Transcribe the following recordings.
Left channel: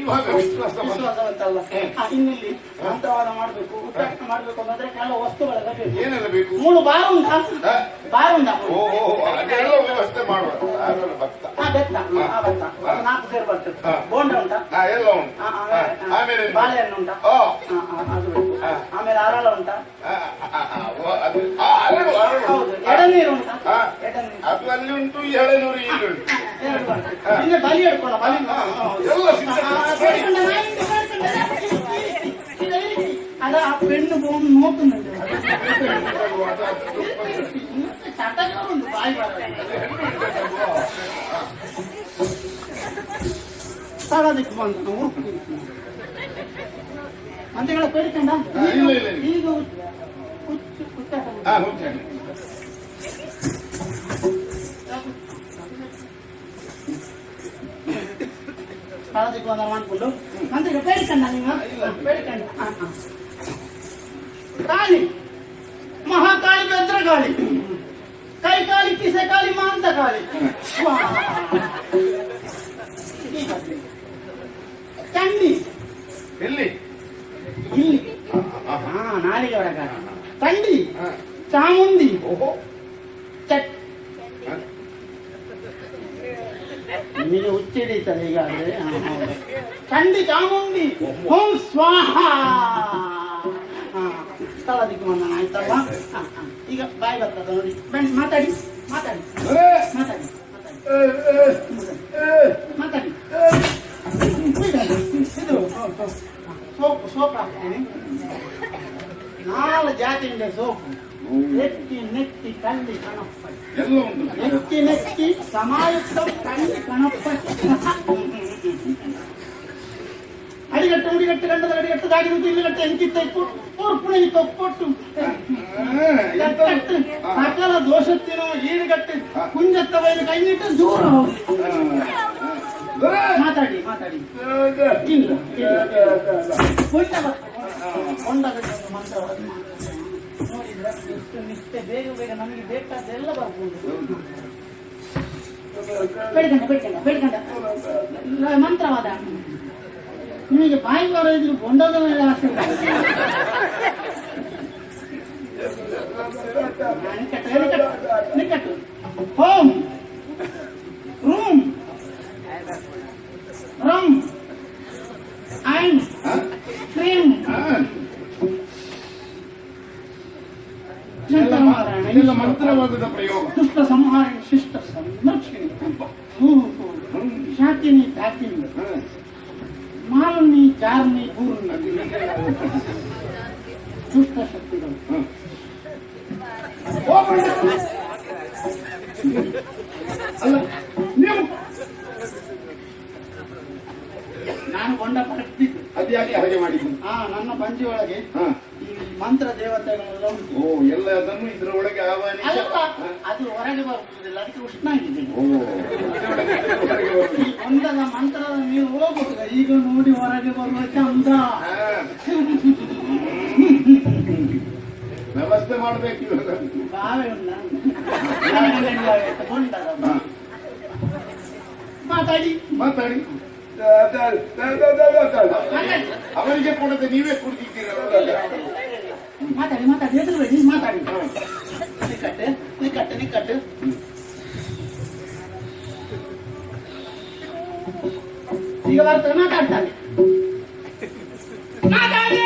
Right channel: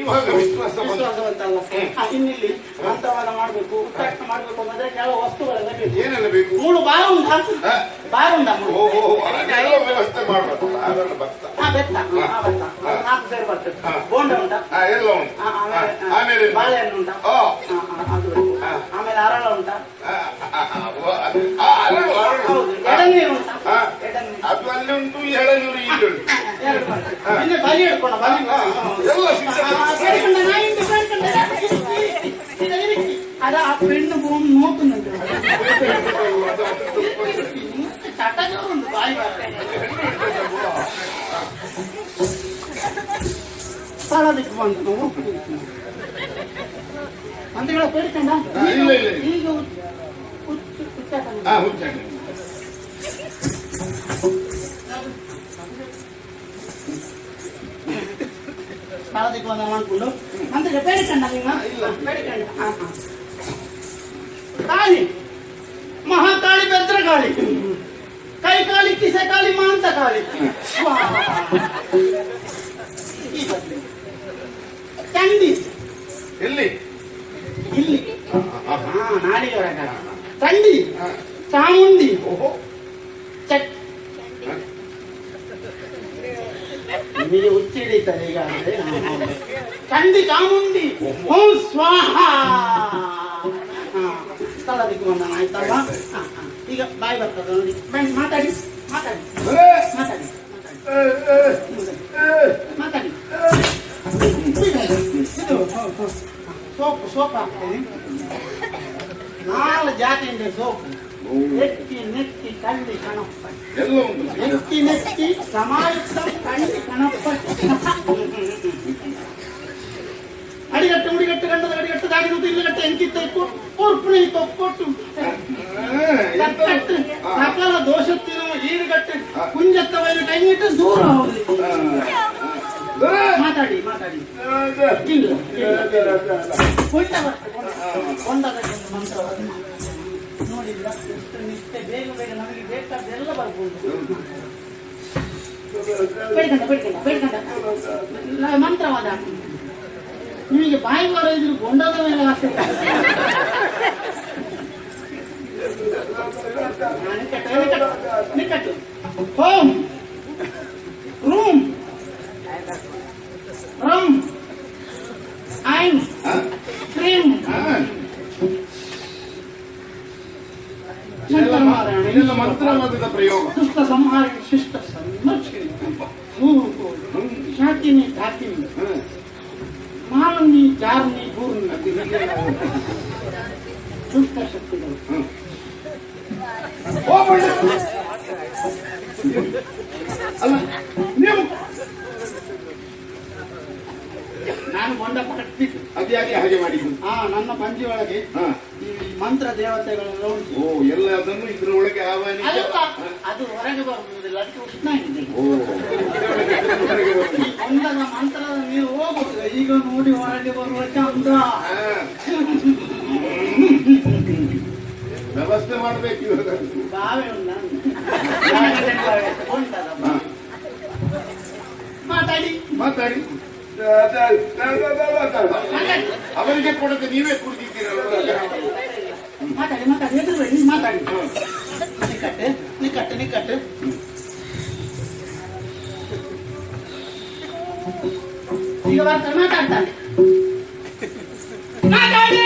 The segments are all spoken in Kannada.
ಇವಾಗ ವಿಶ್ವಾಸವಂತಲ್ಲ. ಇನ್ನಿಲ್ಲಿ ಮಂತ್ರವಾದ ಮಾಡ್ಬೇಕು, ಉಚ್ಚಾಟನೆ ಮಾಡ್ಬೇಕು ಅಂದ್ರೆ ಕೆಲವು ವಸ್ತುಗಳೆಲ್ಲ ಬೇಕು. ಏನೆಲ್ಲ ಬೇಕು? 3 ಬಾಯಿ ಉಂಟಾ? ಬಾಯಿ ಉಂಟಾ? ವ್ಯವಸ್ಥೆ ಮಾಡ್ಬೇಕು. ಭತ್ತ, ಬೆತ್ತ, 4 ಸೇರು ಬರ್ತದೆ. ಬೋಂಡ ಉಂಟಾ? ಎಲ್ಲ ಉಂಟು. ಆಮೇಲೆ ಬಾಳೆಹಣ್ಣು ಉಂಟಾ? ಅದು. ಆಮೇಲೆ ಅರಳ ಉಂಟಾ? ಹೌದು. ಎಡನೀರು ಉಂಟಾ? ಅದು ಅಲ್ಲಿ ಉಂಟು, ಈ ಎಳನೀರು ಇಲ್ಲಿ ಉಂಟು. ಇನ್ನು ಬಲಿ ಹಿಡ್ಕೊಂಡ ಬಲಿ ಎಲ್ಲ ಅದ ಆ ಪೆಣ್ಣು ನೋಕುന്നുണ്ട് ചട്ടജോറുണ്ട് ബായ് ಸಾಲದಕ್ಕೆ ಬಂದು ಮಂತ್ರಿಗಳ ಬೇಡಿಕೊಂಡ ಈಗ ಸಾಲದಕ್ಕೆ ಬಂದ ಮಾಡ್ಕೊಂಡು ಮಂತ್ರಿಗಳ ಬೇಡಿಕೊಂಡ ನಿಮ್ಮ ಬೇಡಿಕೊಂಡ ಕಾಳಿ ಮಹಾಕಾಳಿ ಭದ್ರಕಾಳಿ ಕೈ ಕಾಳಿ ಕಿಸೆ ಕಾಳಿ ಮಾಂತ ಕಾಳಿ ಚಂಡಿ ಎಲ್ಲಿ ಇಲ್ಲಿ ನಾಲಿಗೆ ಹೊರಗ ಚಂಡಿ ಚಾಮುಂಡಿ ನಿಮಗೆ ಹುಚ್ಚ ಹಿಡಿತಾರೆ ಈಗಾದ್ರೆ ಚಂಡಿ ಚಾಮುಂಡಿ ಓಂ ಸ್ವಾಹ ಸ್ಥಳದಕ್ಕೆ ಬಂದ ಆಯ್ತಲ್ವಾ ಈಗ ಬಾಯಿ ಬರ್ತದ ನೋಡಿ ಮಾತಾಡಿ ಮಾತಾಡಿ ಮಾತಾಡಿ ಮಾತಾಡಿ ಇದು ಸೋಪು ಸೋಪ್ ಹಾಕ್ತೀನಿ 4 ಜಾತಿಯಿಂದ ಸೋಪು ಎತ್ತಿ ನೆತ್ತಿ ಕಳ್ಳಿ ಕಣಪ್ಪ ಎತ್ತಿ ನೆತ್ತಿ ಸಮಾಯುಕ್ತ ಕಳ್ಳಿ ಕಣಪ್ಪ ಅಡಿಗಟ್ಟು ಉಡಿಗಟ್ಟು ಗಂಡದ ಗಡಿಗಟ್ಟು ದಾಗಿರುವುದು ಇಲ್ಲಿಗಟ್ಟು ಎಂಕಿತ್ತ ಉರ್ಪುಣ ತೊಕ್ಕೊಟ್ಟು ಸಕಲ ದೋಷತ್ತಿನ ಈಡುಗಟ್ಟು ಕುಂಜತ್ತ ಬಯಲು ಕೈನಿಟ್ಟು ದೂರ ಹೋಗಿ ಮಾತಾಡಿ ಮಾತಾಡಿ ಇಲ್ಲ ಕೊಂಡಗಟ್ಟು ಮಂತ್ರ ನೋಡಿದ್ರ ಎಷ್ಟು ನಿಷ್ಠೆ ಬೇಗ ಬೇಗ ನಮಗೆ ಬೇಕಾದ್ದೆಲ್ಲ ಬರ್ಬೋದು ಬೇಡ್ಕಂಡ ಬೇಡ್ಕಂಡ ಬೇಡ್ಕಂಡ ಮಂತ್ರವಾದ ನಿಮಗೆ ಬಾಯಿ ಬರೋ ಇದ್ರು ಗೊಂಡದ ಮೇಲೆ ವಾಸೆ ನಿಕಟ್ಟು ಹೋಮ್ ರೂಮ್ ರಮ್ ಐಮ್ ಕ್ರೀಮ್ ಮಂತ್ರವಾದದ ಪ್ರಯೋಗ ದುಷ್ಟ ಸಂಹಾರ ಶಿಷ್ಟ ಸಂರಕ್ಷಣೆ ಶಾಕಿನಿ ಧಾಕಿನಿ ಮಾರನಿ ಚಾರನಿ ಪೂರ್ಣಿ ದುಷ್ಟ ಶಕ್ತಿಗಳು ಅಲ್ಲ ನೀವು ನಾನು ಗೊಂಡ ಪರಕ್ತಿದ್ದು ಅದ್ಯಾಕೆ ಹಾಗೆ ಮಾಡಿದ್ದು? ನನ್ನ ಪಂಜಿ ಒಳಗೆ ಈ ಮಂತ್ರ ದೇವತೆಗಳೆಲ್ಲ ಉಂಟು. ಓ ಎಲ್ಲ ಅದನ್ನು ಇದ್ರ ಒಳಗೆ ಆಹ್ವಾನಿಸಿ ಅದು ಹೊರಗೆ ಬರುವುದಿಲ್ಲ, ಅದಕ್ಕೆ ಉಷ್ಣ ಇದೆ. ಈ ಗೊಂಡದ ಮಂತ್ರದ ನೀವು ಹೋಗುದಿಲ್ಲ, ಈಗ ನೋಡಿ ಹೊರಗೆ ಬರುವ ಚಂದ ವ್ಯವಸ್ಥೆ ಮಾಡ್ಬೇಕು. ಬಾವೆ ಗೊಂಡದ ಮಾತಾಡಿ ಮಾತಾಡಿ ಅವರಿಗೆ ಕೊಡದೆ ನೀವೇ ಕುಡಿದಿದ್ದೀರಲ್ಲ. ಮಾತಾಡಿ ಮಾತಾಡಿ ಎದುರುಬೇಡಿ ಮಾತಾಡಿ ನಿಕಟ್ಟೆ ನಿಕಟ್ಟೆ ನಿಕಟ್ಟೆ ಈಗ ಬರ್ತಾರೆ ಮಾತಾಡ್ತಾರೆ ಮಾತಾಡಿ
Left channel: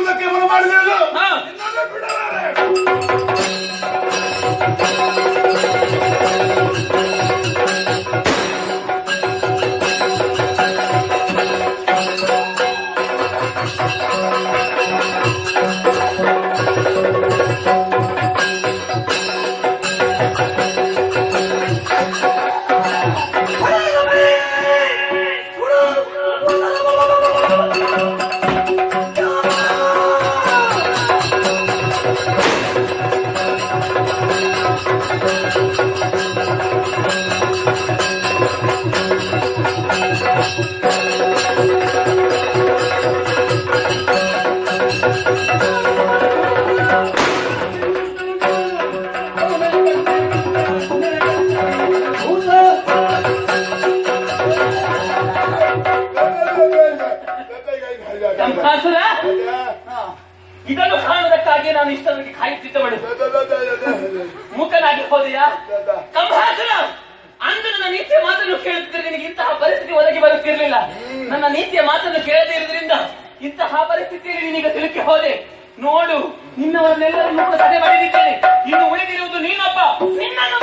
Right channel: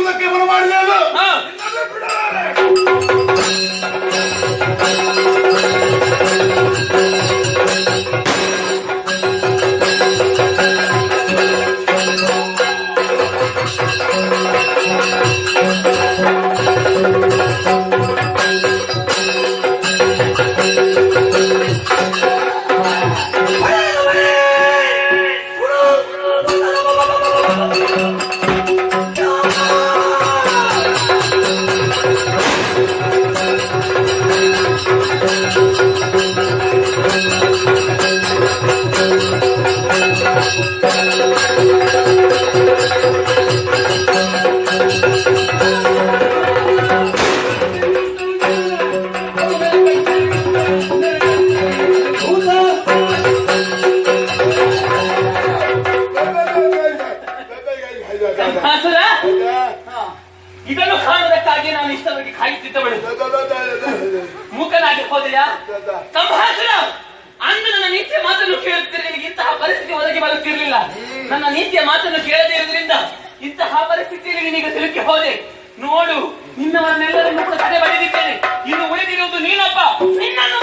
ಮಾಡುವುದಕ್ಕೆ ಮನ ಮಾಡಿದೆ ಅದು ಹಾ. ನಿನ್ನನ್ನೇ ಬಿಡಲಾರೆ. ಕಂಹಾಸುರ, ಇದನ್ನು ಕಾಣುವುದಕ್ಕಾಗಿ ನಾನು ಇಷ್ಟವರೆಗೆ ಕಾಯುತ್ತಿದ್ದವಳು ಮೂಕನಾಗಿ ಹೋದೆಯಾ? ಕಂಹಾಸುರ, ಅಂದು ನನ್ನ ನೀತಿಯ ಮಾತನ್ನು ಕೇಳುತ್ತಿದ್ದರೆ ನಿನಗೆ ಇಂತಹ ಪರಿಸ್ಥಿತಿ ಒದಗಿ ಬರುತ್ತಿರಲಿಲ್ಲ. ನನ್ನ ನೀತಿಯ ಮಾತನ್ನು ಕೇಳದೇ ಇರುವುದರಿಂದ ಇಂತಹ ಪರಿಸ್ಥಿತಿಯಲ್ಲಿ ನಿನಗೆ ಸಿಲುಕಿ ಹೋದೆ. ನೋಡು, ನಿನ್ನವರನ್ನೆಲ್ಲರನ್ನು ಕೂಡ ತಡೆ ಬರೆದಿದ್ದೇನೆ. ಇನ್ನು ಉಳಿದಿರುವುದು ನೀನೊಬ್ಬ. ನಿನ್ನನ್ನು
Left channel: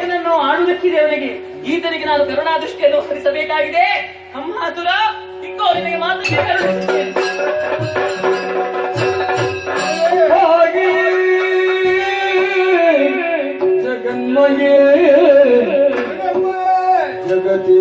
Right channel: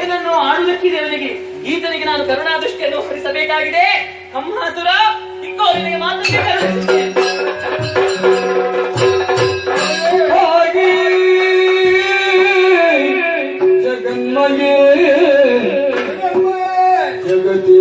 ಏನನ್ನು ಆಡುವುದಕ್ಕಿದೆ ಅವನಿಗೆ. ಈತನಿಗೆ ನಾನು ಕರುಣಾ ದೃಷ್ಟಿಯನ್ನು ಹರಿಸಬೇಕಾಗಿದೆ. ಕಂಹಾಸುರ, ಇಂಕೋ ನಿನಗೆ ಮಾತನ್ನೇ ಕರುಣಿಸುತ್ತೇನೆ. ಜಗನ್ಮಯೇ ಜಗತಿ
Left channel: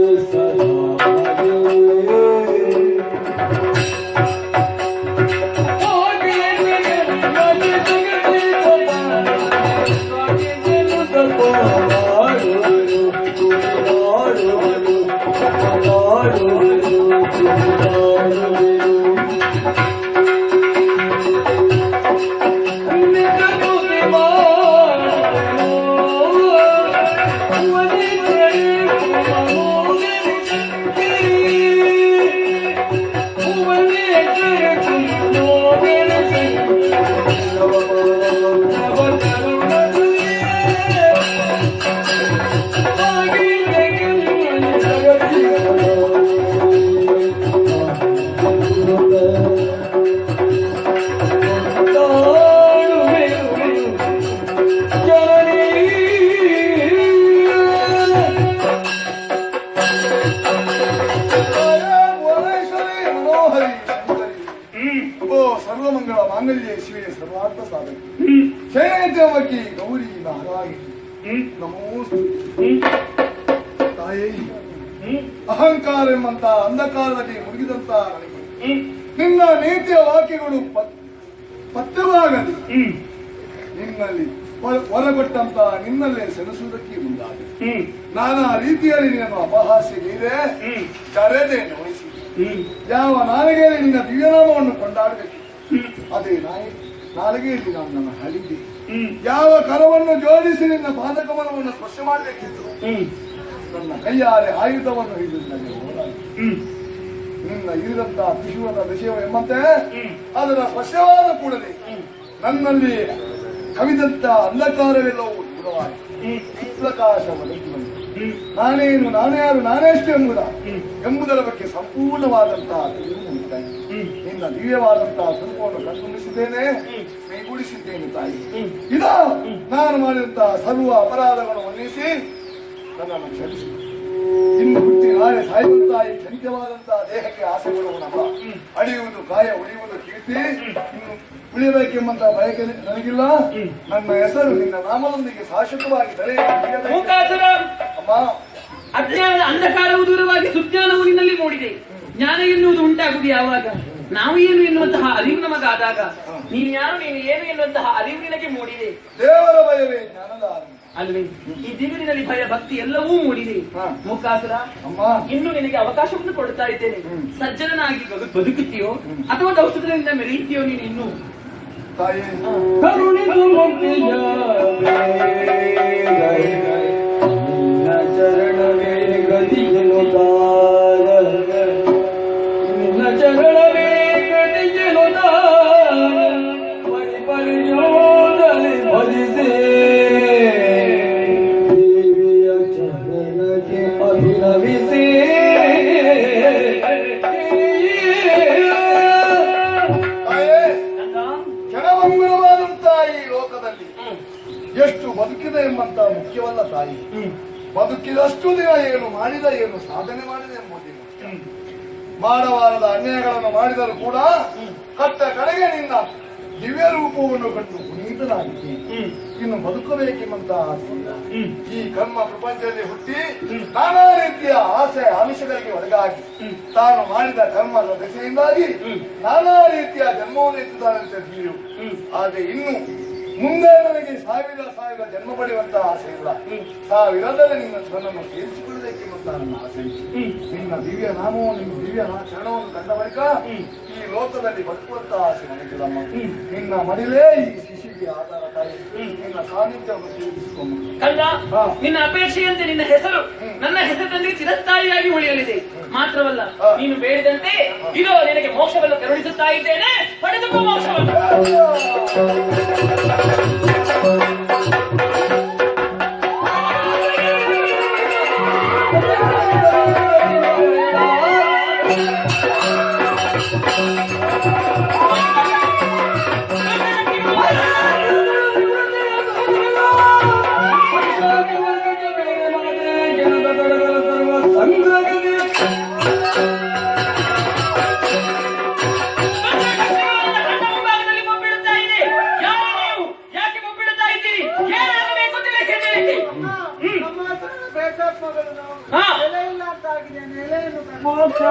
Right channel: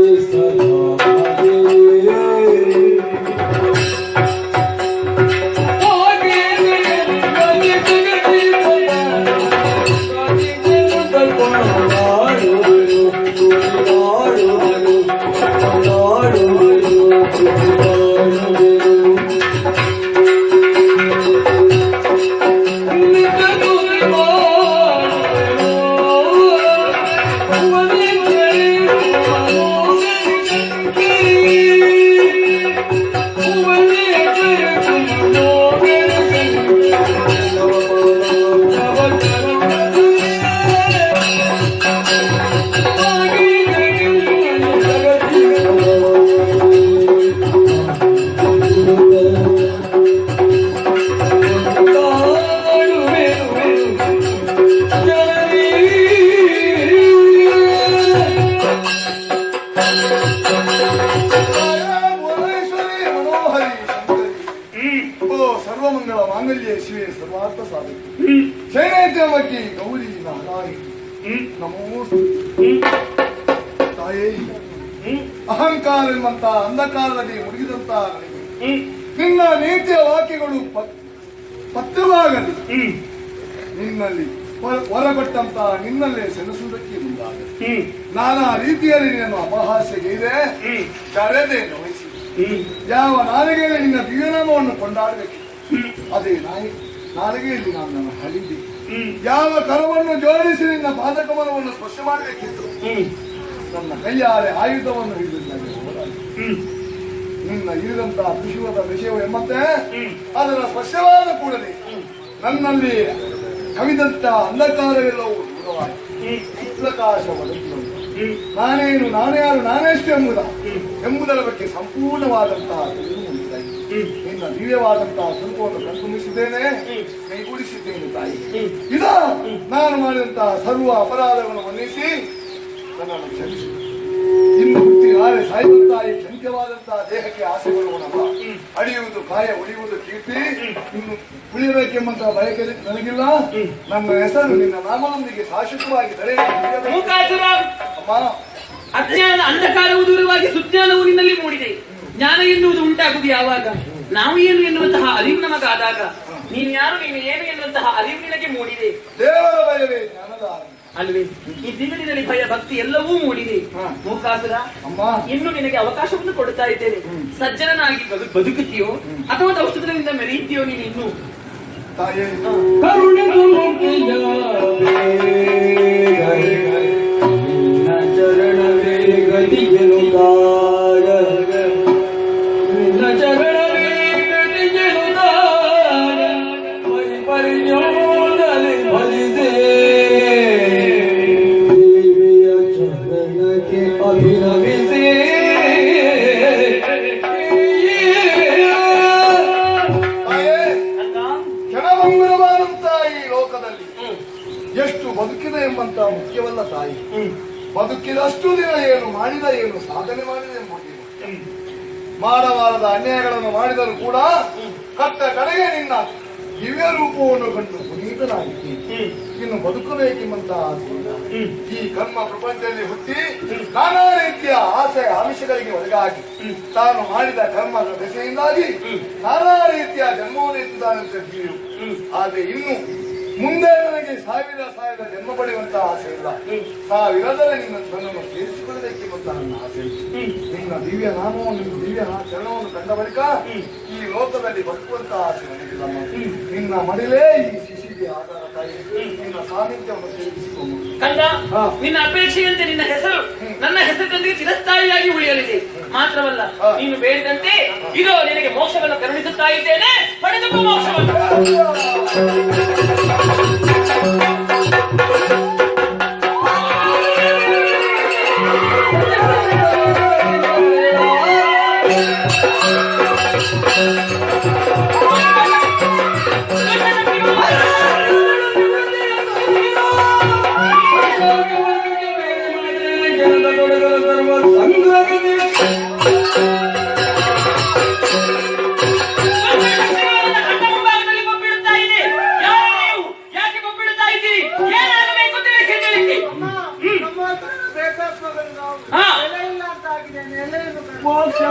ಸರ್ವಮಂಗಳ ಮಾಂಗಲ್ಯ ಶಿವೆ ಸರ್ವಾರ್ಥ ಸಾಧಕಿ ಶೈನೇತ್ರವತಿ ಗೌರಿ ನಾರಾಯಣಿ ನಮೋಸ್ತು. ತಾಯೇ, ಅಹಂಕಾರ ಎಂಬಂತ ಅಂಧಕಾರದಲ್ಲಿ ಮುಳುಗಿದಂತ ನನಗೆ ನಿನ್ನ ನೀತಿಯ ವಾಕ್ಯಗಳು ಪಥ್ಯವಾಗಲಿ ನಿನ್ನಲ್ಲಿ ಹೊರಗೊಟ್ಟಂತ ನಿನ್ನಲ್ಲೇ ಸೆಣಸುವುದಕ್ಕೆ ಮುಂದಾಗಲಿ. ನಾನಾ ರೀತಿಯಲ್ಲಿ ನಿನ್ನನ್ನು ಅಪಹಾಸ್ಯಗೈದೆ, ಕರೆದೆ ನೋಯಿಸಿ ಯಾವ ನಾಲಿಗೆಯಲ್ಲಿ ನಿನ್ನ ದಿವ್ಯನಾಮವನ್ನು ಕೊಂಡಾಡಬೇಕು ಅದೇ ನಾಲಿಗೆಯಲ್ಲಿ ನಾನು ನನ್ನ ಹಳಿದೆ. ಯಾವ ಕರವನ್ನು ಜೋಡಿಸಿ ನಿನ್ನ ಪಾದಕಮಲವನ್ನು ಸ್ಪರ್ಶ ಮಾಡಬೇಕಿತ್ತು ನನ್ನ ಕೈಯಾರೆ ಆಯುಧವನ್ನು ಹಿಡಿದು ನನಗೆ ಹೋರಾಡಿ ನಿನ್ನ ಇರಿದಂತಹ ತ್ರಿಶೂಲದ ವಿಷಯ ಎಂಬಂತೆ ಅದರ ಸ್ಪರ್ಶವಾದ ಕೂಡಲೇ ನನ್ನಲ್ಲಿ ಕವಿದಂತ ಅಂಧಕಾರವೆಲ್ಲವೂ ದೂರವಾಗಿ ಚಿತ್ರಕಾಶ ಒದಗಿ ಬಂತು. ನಾನೇನು ನಾನ್ಯಾರು ನಾನೆಷ್ಟು ಎಂಬುದರ ಬಗ್ಗೆ ಸಂಪೂರ್ಣವಾದಂತಹ ತಿಳಿವು ನನಗಾಯಿತು. ನಿನ್ನ ದಿವ್ಯವಾದಂತಹ ಸ್ವರೂಪವನ್ನು ಕಣ್ತುಂಬಿಸಿದ್ದೇನೆ, ಕೈಗೂಡಿಸಿದ್ದೇನೆ ತಾಯಿ. ಇದು ನಾನು ಮಾಡಿದಂತಹ ಸರ್ವ ಅಪರಾಧಗಳನ್ನು ಮನ್ನಿಸಿ ನನ್ನನ್ನು ಕ್ಷಮಿಸು. ಇನ್ನು ಹುಟ್ಟಿ ನಾಳೆ ಸಾಯುವಂತಹ ಈ ಕ್ಷಣಿಕವಾದಂತಹ ದೇಹಕ್ಕೆ ಆಸೆ ಬಿಡುವನಪ್ಪ. ಅಡಿಯುವುದು ಕಾಯ, ಉಳಿಯುವುದು ಕೀರ್ತಿ. ಇನ್ನು ಉಳಿಯಬೇಕೆಂಬಂತಹ ಬಯಕೆ ನನಗಿಲ್ಲ. ನನ್ನ ಹೆಸರು ನಿನ್ನ ನಾಮದೊಂದಿಗೆ ಶಾಶ್ವತವಾಗಿ ಅಮ್ಮ, ಅಜ್ಞಾನದ ಅಂಧಕಾರವು ದೂರವಾಗಿ ಸುಜ್ಞಾನವು ನಿನ್ನಲ್ಲಿ ಮೂಡಿದೆ. ಜ್ಞಾನ ಎನ್ನುವುದು ಉಂಟಾಗುವುದು ಯಾವಾಗ? ನಾವು ಏನು ಎನ್ನುವಂತಹ ಅರಿವು ನಮಗಾದಾಗ. ನೀನು ಯಾರು, ನೀನು ಏನು ಎನ್ನುವಂತಹ ಅರಿವು ನಿನಗೆ ಮೂಡಿದೆ. ದೇವರ ಭಯವೇ ಜ್ಞಾನದ ಆರಂಭ ಅಲ್ವೇ? ಈ ದಿನದಲ್ಲಿ ಭಯ ಭಕ್ತಿ ಎಲ್ಲವೂ ಮೂಡಿದೆ. ಮೂಕಾಸುರ, ಇನ್ನು ನಿನಗೆ ಅವಕಾಶವನ್ನು ಕೊಡುತ್ತಾ ಇದ್ದೇನೆ. ಸಜ್ಜನನಾಗಿ ಬದುಕುತ್ತೀಯೋ ಅಥವಾ ಔಷಧದಿಂದ ಮೆರೆಯುತ್ತೀಯೋ ನೀನು ಇನ್ನು ತಾಯಿ. ಎಷ್ಟು ಬದುಕಿದೆ ಎಂಬಂತ ಮುಖ್ಯವಲ್ಲ ತಾಯಿ. ಬದುಕಿದಷ್ಟು ದಿನ ಏನು ಮಾಡಿದ, ಏನು ಸಾಧನೆ ಮಾಡಿದೆ ಎಂಬುದೇನು. ಮಾಡಬಾರದ ಅನ್ಯಾಯಗಳನ್ನು ಮಾಡಿದರೂ ಕೂಡ ಕಟ್ಟ ಕಡೆಗೆ ನಿನ್ನ ದಿವ್ಯ ರೂಪವನ್ನು ಕಂಡು ಪುನೀತನಾಗಿದ್ದೆ. ಇನ್ನು ಬದುಕಬೇಕೆಂಬಂತಹ ಆಸೆಯಿಂದ ಈ ಕರ್ಮ ಪ್ರಪಂಚದಲ್ಲಿ ಹುಟ್ಟಿ ನಾನಾ ರೀತಿಯ ಆಸೆ ಆಮಿಷಗಳಿಗೆ ಒಳಗಾಗಿ ತಾನು ಮಾಡಿದ ಕರ್ಮದ ದೆಸೆಯಿಂದಾಗಿ ನಾನಾ ರೀತಿಯ ಜನ್ಮವನ್ನು ಎತ್ತಿದ್ದಾನಂತೆ ತಿಳಿಯು. ಆದರೆ ಇನ್ನು ಮುಂದೆ ನನಗೆ ಸಾವಿರ ಜನ್ಮ ಪಡೆಯುವಂತಹ ಆಸೆ ಇಲ್ಲ. ಸಾವಿರದಲ್ಲಿ ನಿನ್ನ ನನ್ನನ್ನು ಸೇರಿಸಿಕೊಳ್ಳಬೇಕೆಂಬಂತಹ ನನ್ನ ಆಸೆ. ನಿನ್ನ ದಿವ್ಯ ನಾಮವನ್ನು, ನಿನ್ನ ದಿವ್ಯ ಚರಣವನ್ನು ಕಂಡ ಬಳಿಕ ಈ ಲೋಕದಲ್ಲಿ ಬದುಕುವಂತಹ ಆಸೆ ನನಗಿಲ್ಲಮ್ಮ. ನಿನ್ನ ಮಡಿಲೇ ಈ ಶಿಶಿಗೆ ಆಧಾರ ತಾಯಿ. ನಿನ್ನ ಸಾನ್ನಿಧ್ಯವನ್ನು ಸೇರಿಸಿಕೊಂಡು ಕಂದ, ನಿನ್ನ ಅಪೇಕ್ಷೆಯಂತೆ ನಿನ್ನ ಹೆಸರು ನನ್ನ ಹೆಸರಿನೊಂದಿಗೆ ಚಿರಸ್ಥಾಯಿಯಾಗಿ ಉಳಿಯಲಿದೆ. ಮಾತ್ರವಲ್ಲ, ನೀನು ಬೇಡಿದಂತೆ ಇದು ನಿನಗೆ ಮೋಕ್ಷವನ್ನು ಕರುಣಿಸುತ್ತಾ ಇದ್ದೇನೆ. ಪಡೆದುಕೋ ಮೋಕ್ಷವನ್ನು.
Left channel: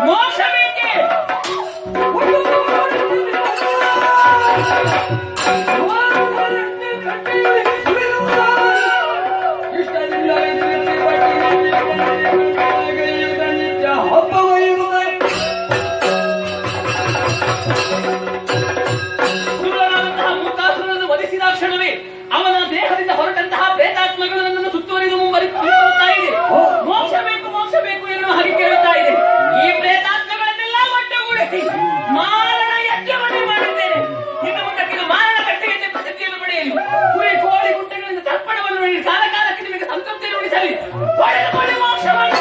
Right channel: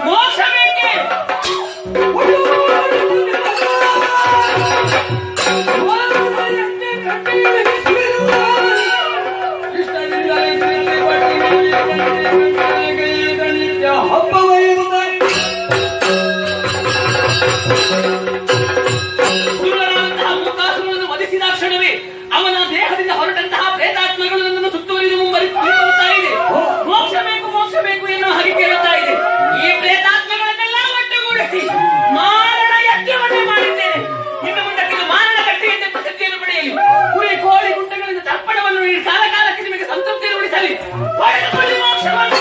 ಮೋಕ್ಷ ಬೇಕೆ? ಮುಖಾಸುರನನ್ನು ವಧಿಸಿದ ಕ್ಷಣವೇ ಅವನ ದೇಹದಿಂದ ಹೊರಟಂತಹ ಪ್ರೇತಾತ್ಮಗಳು ನನ್ನನ್ನು ಸುತ್ತುವರಿದು ಮುಂಬರುತ್ತಾ ಇದೆ. ಮೋಕ್ಷ ಬೇಕು ಎನ್ನುವ ಹಾಗೆ ಕೇಳುತ್ತಾ ಇದೆ. ಈ ಪ್ರೇತಾತ್ಮಗಳನ್ನೆಲ್ಲ ಒಟ್ಟುಗೂಡಿಸಿ ಮಾರಣ ಯಜ್ಞವನ್ನೇ ಮಾಡಿದ್ದೇನೆ. ಇನ್ನು ಮುಂದಕ್ಕೆ ಮಾರಣ ಕಟ್ಟೆಯಂತೆ ಪ್ರಸಿದ್ಧಿಯನ್ನು ಪಡೆಯಲಿ. ಕುರಿ ಕೋಳಿ ಗುಂಟೆಗಳಿಂದ ತರ್ಪಣವನ್ನು ನೀಡಿ ಕಾಲಕಾಲಕ್ಕೆ ನಿಮಗೆ ಸಂತೃಪ್ತಿಯನ್ನು ಉಳಿಸಲಿ. ಪಡೆದುಕೊಳ್ಳಿ ಮೋಕ್ಷವನ್ನು.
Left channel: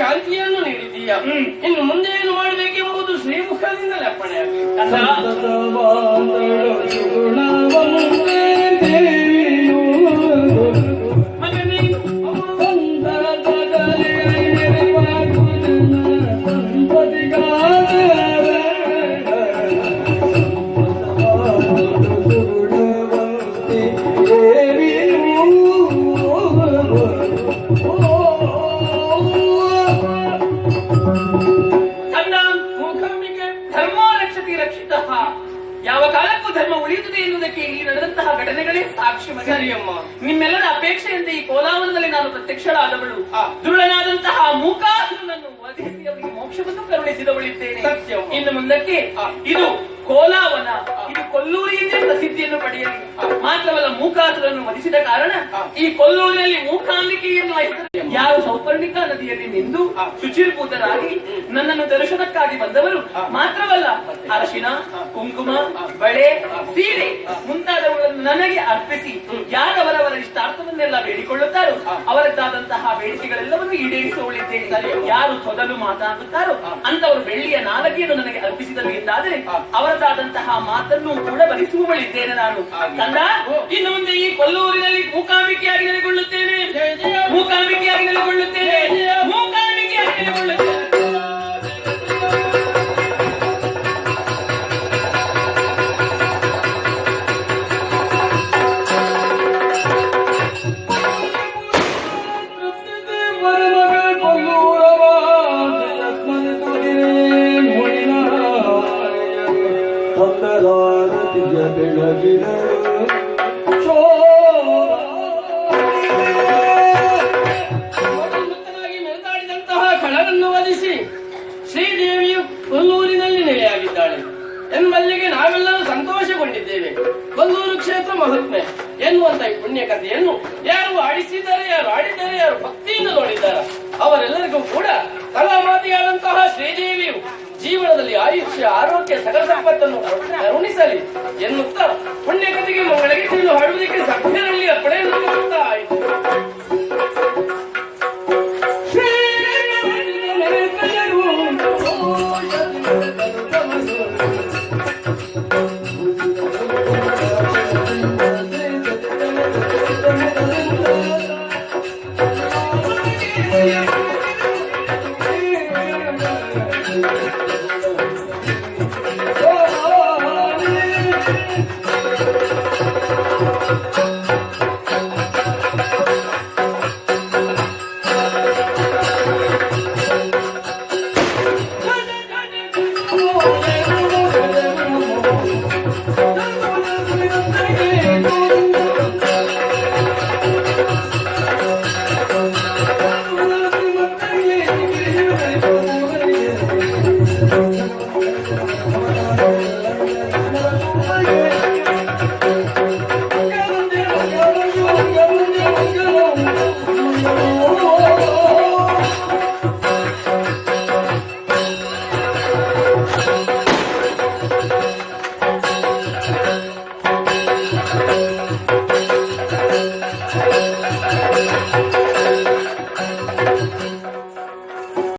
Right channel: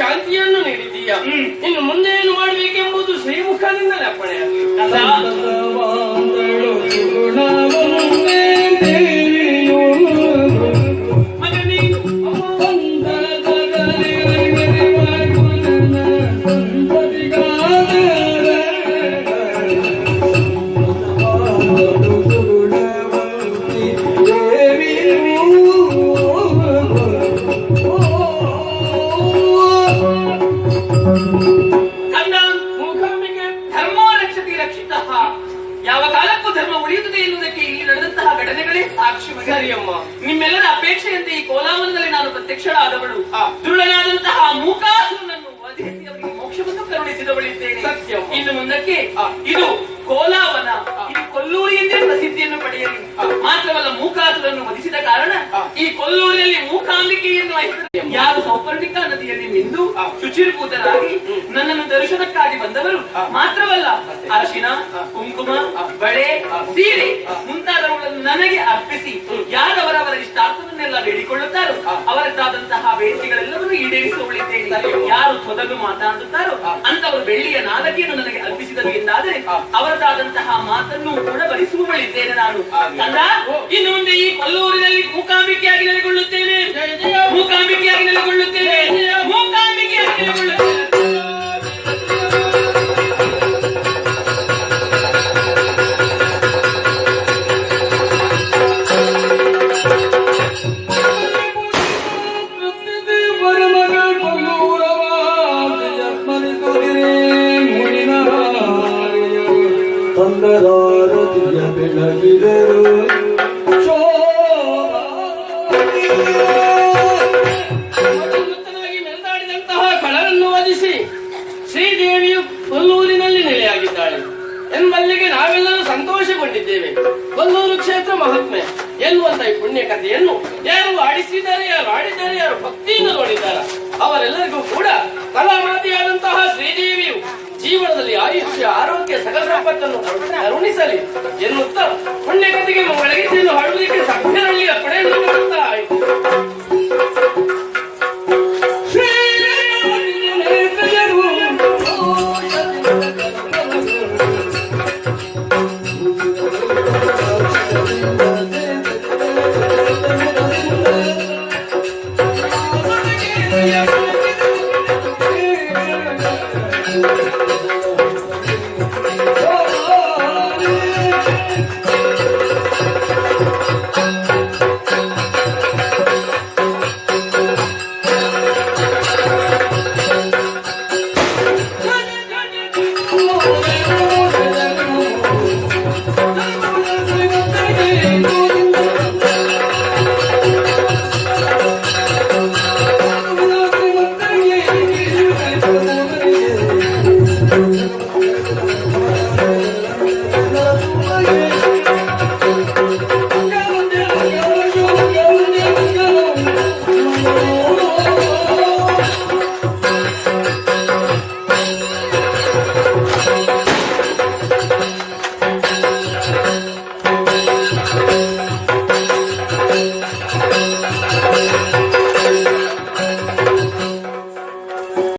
ಶಾಂತಿಯನ್ನು ನೀಡಿದ್ದೀಯ. ಇನ್ನು ಮುಂದೆ ಏನು ಮಾಡಬೇಕೆಂಬುದು ಶ್ರೀಮುಖದಿಂದಲೇ ಅಪ್ಪಣೆಯಾಗಲಿ. ಮಗನೇ ಉಳಿಯುತ್ತದೆ ಎನ್ನುವುದಕ್ಕೆ ಇಲ್ಲಿ ನಡೆದಂತಹ ಘಟನೆಗಳೇ ಸಾಕ್ಷಿ ಮಗನೇ. ಸರಿ ಅಮ್ಮ. ನಿಮ್ಮೆಲ್ಲರ ಅಪೇಕ್ಷೆಯಂತೆ ಈ ಕೋಲಾವನದಲ್ಲಿ ನಾನು ಪ್ರತ್ಯಕ್ಷಳಾದವಳು. ದುರುಳನಾದಂತಹ ಮೂಕಾಸುರನನ್ನು ವಧಿಸಿ ಅವರಿಗೆ ಮೋಕ್ಷವನ್ನು ಕರುಣಿಸಿದವಳಿದ್ದೇನೆ. ಸತ್ಯ. ಇನ್ನು ಮುಂದಕ್ಕೆ ಇದು ಕೋಲಾವನ, ಇದು ಕೊಲ್ಲೂರು ಎಂದೇ ಪ್ರಸಿದ್ಧಿಯನ್ನು ಪಡೆಯಲಿ. ಮಾತ್ರವಲ್ಲ, ಮೂಕಾಸುರನ್ನು ವಧಿಸಿದ ಕಾರಣ ಈ ಕೊಲ್ಲೂರಿನಲ್ಲಿ ಮೂಕಾಂಬಿಕೆ ಎನ್ನುವ ಹೆಸರು ಯಾರು ಸೌಪರ್ಣಿಕಾ ನದಿಯಲ್ಲಿ ಮಿಂದು ಶುಚಿರ್ಭೂತರಾಗಿ ನನ್ನನ್ನು ದರ್ಶನಕ್ಕಾಗಿ ಬಂದವರು. ಮಾತ್ರವಲ್ಲ, ಅರಶಿನ, ಕುಂಕುಮ, ಬಳೆ, ಸೀರೆ ಮುಂತಾದವುಗಳನ್ನು ನನಗೆ ಅರ್ಪಿಸಿ ಯಾರವರವರ ಇಷ್ಟಾರ್ಥವನ್ನೆಲ್ಲ ಬೇಡಿಕೊಳ್ಳುತ್ತಾರೋ ಅವರದ್ದಾದಂತಹ ಬೇಡಿಕೆಗಳೆಲ್ಲವನ್ನು ಈಡೇರಿಸುವಳಿದ್ದೇನೆ. ಯಾರು ಮೊದಲು ಮಾತಾಡುತ್ತಾರೋ ಅಂತವರು ಬೆಳ್ಳಿಯ ನಾಲಗೆಯನ್ನು ನನಗೆ ಅರ್ಪಿಸಿದರು ಎಂದಾದರೆ ಅವರದಾದಂತಹ ಮಾತನ್ನು ಕೂಡ ಭರಿಸುವವಳಿದ್ದೇನೆ ನಾನು. ಕಂದ, ಇನ್ನು ಮುಂದೆ ಈ ಕೊಲ್ಲೂರಿನಲ್ಲಿ ಮೂಕಾಂಬಿಕೆಯಾಗಿ ನೆಲೆಗೊಳ್ಳುತ್ತೇನೆ, ಮೂಕಾಂಬಿಕೆಯಾಗಿ ನೆಲೆಗೊಳ್ಳುತ್ತೇನೆ, ಮೂಕಾಂಬಿಕೆಯಾಗಿ ನೆಲೆಗೊಳ್ಳುತ್ತೇನೆ. ಮುತ್ತನಾಗಿ ಮೆರೆದಾಡಿದಂತಹ ಖಳರನ್ನು ವಧಿಸಿ ಶ್ರೀದೇವಿಯು ಕೊಲ್ಲೂರಿನಲ್ಲಿ ನೆಲೆಯಾಗಿದ್ದಾಳೆ ಎಂಬಲ್ಲಿಗೆ ನಾವೆಲ್ಲರೂ ಸಂತೋಷಗೊಂಡಿದ್ದೇವೆ. ಕೊಲ್ಲೂರು ಕ್ಷೇತ್ರ ಮಹಾತ್ಮೆ ಎನ್ನುವಂತ ಈ ಪುಣ್ಯ ಕಥೆಯನ್ನು ಯಾರು ಆಡಿಸಿದ್ದಾರೆ, ಯಾರು ಆಡಿದ್ದಾರೆ, ಯಾರು ಭಕ್ತಿಯಿಂದ ನೋಡಿದ್ದಾರೆ ಅವರೆಲ್ಲರಿಗೂ ಕೂಡ ಕಲಾಮಾತೆಯಾದಂತಹ ಶ್ರೀದೇವಿಯು ಜೀವನದಲ್ಲಿ ಆಯುಷ್ಯ, ಆರೋಗ್ಯ, ಸಕಲ ಸಂಪತ್ತನ್ನು ಕರುಣಿಸಲಿ ಎನ್ನುತ್ತಾ ಪುಣ್ಯ ಕಥೆಗೆ ಒಳಗೆ ಹಾಡುವುದಕ್ಕೆ ಸಭ್ಯರಲ್ಲಿ ಅಪ್ಪಣೆಯನ್ನು ಕೊಡುತ್ತಾ ಆಯಿತು. Oh,